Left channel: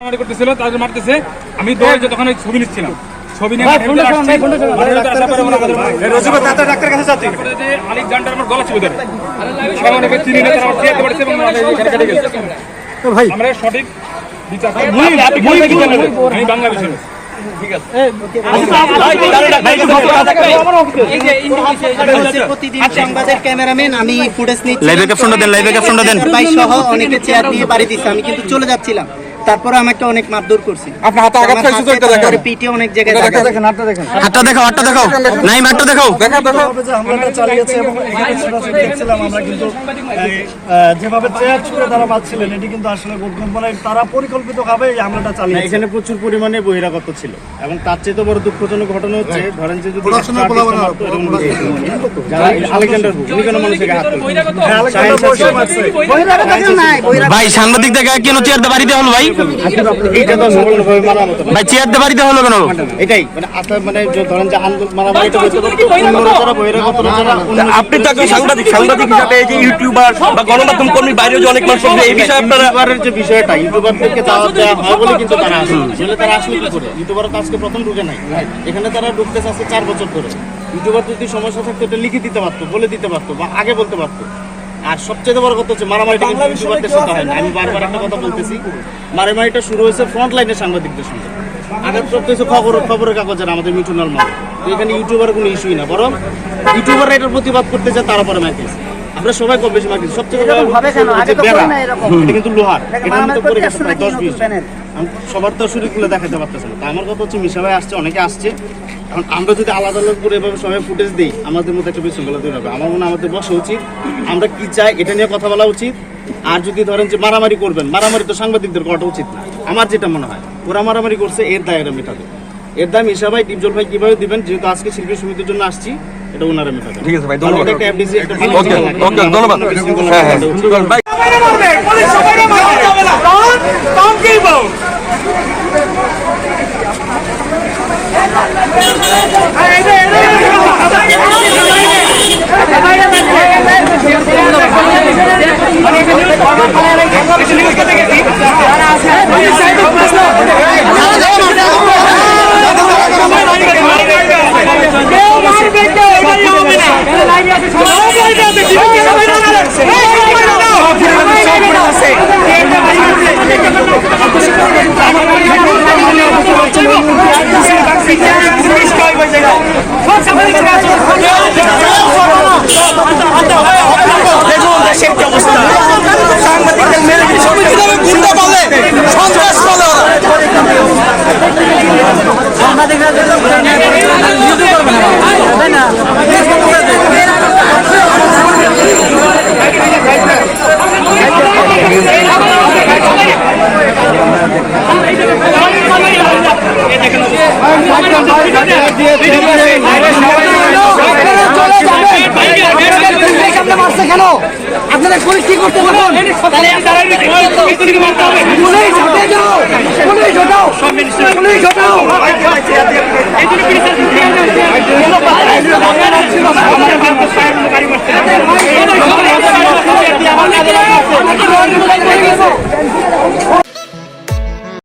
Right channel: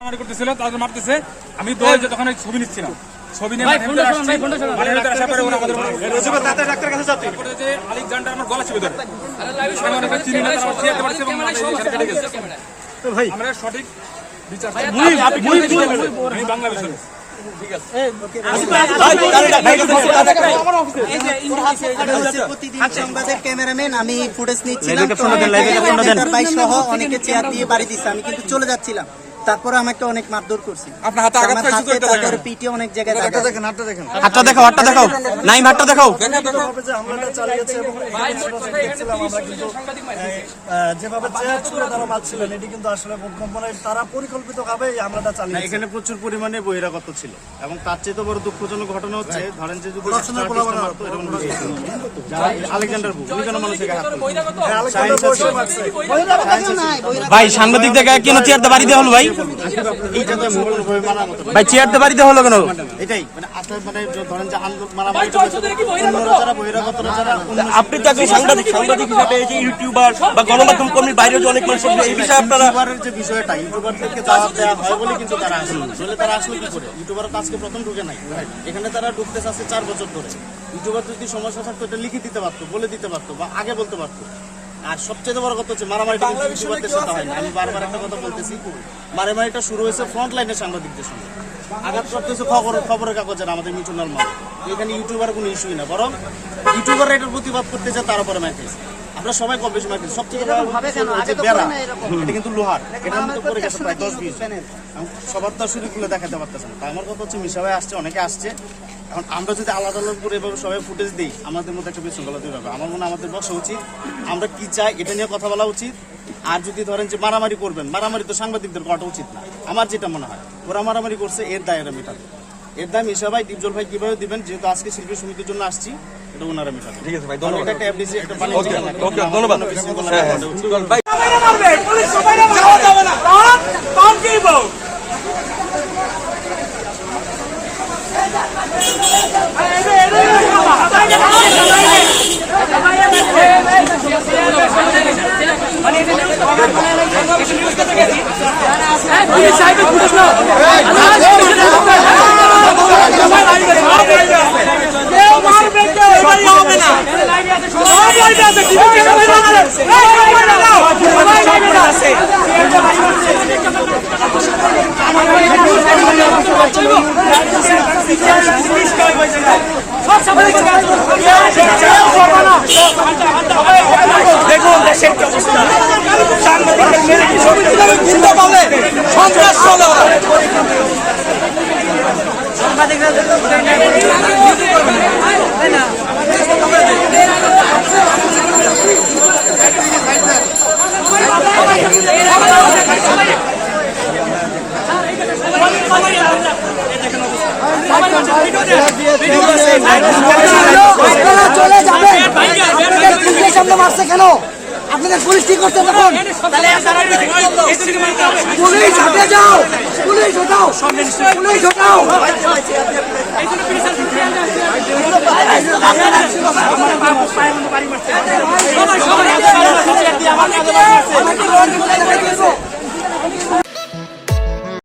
মারামারি করতেছিল তাদের মারতেছে। আমি দৌড়ে তখন ছবি নিচ্ছিলাম। ছবি নিয়ে আলেকজান্ডার আমার গলা চিপে ধরে। চিনি না পারছে এবং আমরা সঠিক বিচার ফুটেজ নিচ্ছি দেন। ভাই সহ অনেকে চেয়ার দিয়ে বাড়ি দিচ্ছে আমি কিন্তু চলে যাচ্ছিলাম। তারপরে আমাকে অনেক মারধর করছে। আপনার হাতে আঘাত আমার খাইছে তো এটা দেখেন। পিঠে অনেক জায়গায় দাগ আছে। হাতটা দেখাও হাতটা দেখাও নাই হাতটা দেখাও দেখা দেখো। যে হামলাটা চালিয়েছে এবং এখানে ছোটাছুটি দেখছিলাম আমরা কিন্তু যেভাবে চেয়ার ছুঁড়ে তারা মারছিলেন এটি কিন্তু আসলে খুব- মানে তারা পরিকল্পিতভাবে এই হামলাটা চালিয়েছে। এখানে প্রচুর পরিমাণে বহিরাগত ছিল এবং তার চেয়ে তো বড় দুঃখজনক ঘটনা হচ্ছে ধরেন যে যদি আলেকজান্ডার উনি কেন মানুষের হাত তুলবেন? হ্যাঁ, আলেকজান্ডার বসে মারছে ভাই সাংবাদিক দেখা কেন চেয়ার দিয়ে বাড়িতে হলো ভাই। ভাই চেয়ার দিয়ে বাড়িতে হলো কেন? এটাই মানে আসলে মানে ধরেন যে আন্দোলন আপনি তো একজন সাংবাদিক সাংবাদিক হিসাবে এই যে ইউটিউবার বা গণমাধ্যম কর্মী বাইরে যে অনেক মানুষ এই বিষয়ে আপনারা ইউটিউবারের যে বিষয়টা ইউটিউবারদেরকে দাওয়াত দেওয়া হয় বলে কিন্তু তারা আসলে তারা আসলে কি করে? ইউটিউবার তো আজকে প্রথম ঢুকে নাই এখানে তারা ঢুকতে চাচ্ছে চার বছর ধরে। ইউটিউবার যদি সমস্যা থাকতো এটা লিখে দিতে পারতো বলে দিতে পারতো বা আগে বলতে পারতো। আর সবচেয়ে বড় কথা হচ্ছে মারামারিটা কিন্তু ইউটিউবারদের সাথে হয় না। আমি বারবার একটা কথা বলতেছি মারামারিটা শুরু হয়েছে ফ্রন্ট লাইনের সাংবাদিকদের সঙ্গে। আঘাতপ্রাপ্ত হয়েছে খবর খবরের কাগজের আমাদের মিঠু নর্মাল এখানে ইউটিউবার কোনো ইস্যুই না বরং ইউটিউবাররা এটার প্রতিবাদ করতে যায় তারা পরে মাইকেছে আমরা সবাই কম বেশি মাইকেছি সবচেয়ে বড় হচ্ছে বেড়া এটা কিন্তু লোহার। এটা কিন্তু পড়ে গেছে প্রায় দশ বিশ সবার তো শুরু খুলে দেখাতে পারতেছে না। তা আমার কথা হচ্ছে মিশা ভাই আসছে অনেকে আসছে। এখন আমরা যদি আলাদা আলাদা করে এভাবে সবাই ফুটেজ দিই আমাদের মধ্যে একটা বিশৃঙ্খলা তৈরি হবে। আমার মনে আমাদের বসা উচিত আমরা কি চাই এটা নিয়ে কথা বলা উচিত। আর যদি ধরেন যে মারামারি করবেন মারামারি তো সাংবাদিকদের করাটা উচিত না। আমার যেটা মনে হয় ওরা মারামারি করছে এর দায় এরা মেটাবে। এর দায় মিশা ভাই ডিপজল ভাই কীভাবে দিবেন? যেহেতু আজকে শিল্পী সমিতির জন্য আসছি এটা ওনারা মেটাবে। ঠিক আছে ভাই, ধন্যবাদ। একটা FDC, একটা ভালো ওকে জায়গা লাগে। হ্যাঁ হ্যাঁ ঘটে উচিত। সুন্দর কেন? আপনাদের পুলিশ কি করতে পারবেন পুলিশ হতে যাও পুলিশ হটাও। পুলিশ হটাও।